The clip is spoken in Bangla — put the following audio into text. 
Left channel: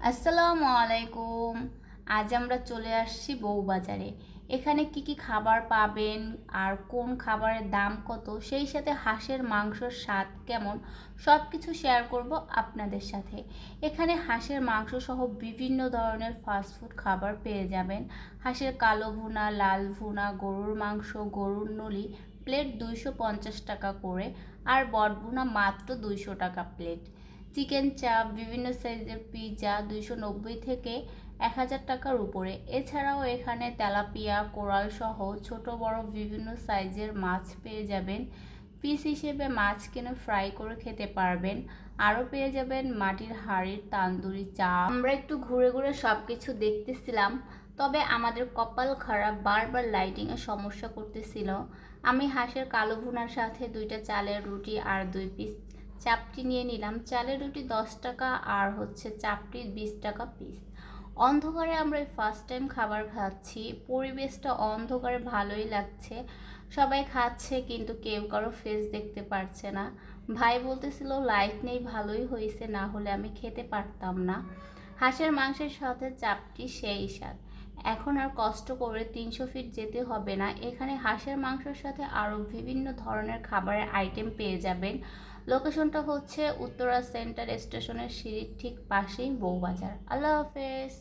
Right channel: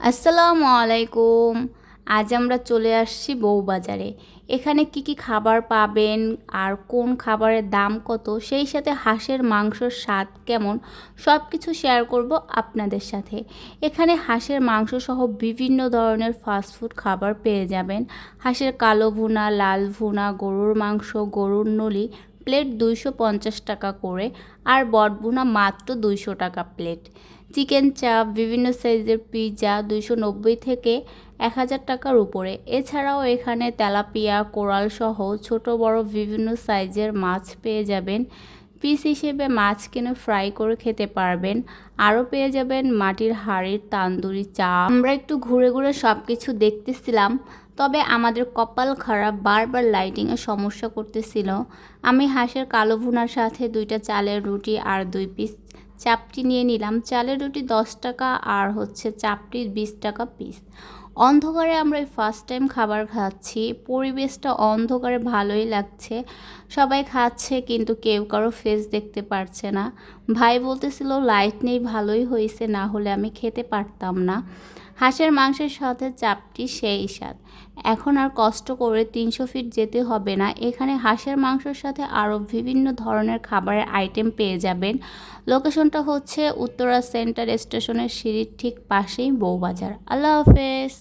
আসসালামু আলাইকুম। আজ আমরা চলে আসছি বউবাজারে। এখানে কি কি খাবার পাবেন আর কোন খাবারের দাম কত, সেই সাথে হাঁসের মাংসর স্বাদ কেমন, সব কিছু শেয়ার করব আপনাদের সাথে। এখানে হাঁসের মাংস সহ বিভিন্ন ধরনের ফাস্টফুড খাবার পেয়ে যাবেন। হাঁসের কালো ভুনা, লাল ভুনা, গরুর মাংস, গরুর নলি প্লেট 250 টাকা করে, আর বটভুনা মাত্র 200 টাকা প্লেট। চিকেন চাপ, বিভিন্ন সাইজের পিৎজা 290 থেকে 1000 টাকার উপরে। এছাড়াও এখানে তেলাপিয়া, কোরাল সহ ছোট বড় বিভিন্ন সাইজের মাছ পেয়ে যাবেন। পিস হিসেবে মাছ কিনে ফ্রাই করে খেতে পারবেন। আরও পেয়ে যাবেন মাটির হাঁড়ির তান্দুরি চাপ। আমরা একটু ঘুরে ঘুরে সব কিছু দেখতেছিলাম, তবে আমাদের কপাল খারাপ, বারবার লাইটিংয়ের সমস্যা করতেছিল। আমি হাঁসের কালো ভুনার সাথে 2টা চালের রুটি আর 2 পিস চাপটি নিয়ে নিলাম। চালের রুটি 10 টাকা আর চাপটি 20 টাকা পিস। অন্ধকারে আমরা এই ফার্স্ট টাইম খাবার খাচ্ছি, পরিবেশটা অন্ধকারে ভালোই লাগছে। সবাই খাচ্ছে কিন্তু কেউ কারো ফেস দেখতে পারছে না। ভাই বলতেছিল লাইট নেই, ভালোই হয়েছে, না হলে আমি খেতে পারতাম না। হাঁসের মাংসের সাথে চাপটি সেই স্বাদ। এখন আর কষ্ট করে 300 ফিট যেতে হবে না। এখানে হাঁসের মাংসের সাথে আরও বিভিন্ন ধরনের খাবারের আইটেম পেয়ে যাবেন। লোকেশনটা হচ্ছে উত্তরা সেন্টার স্টেশনের সিঁড়ির ঠিক পাশেই বউবাজার। আল্লাহ হাফেজ।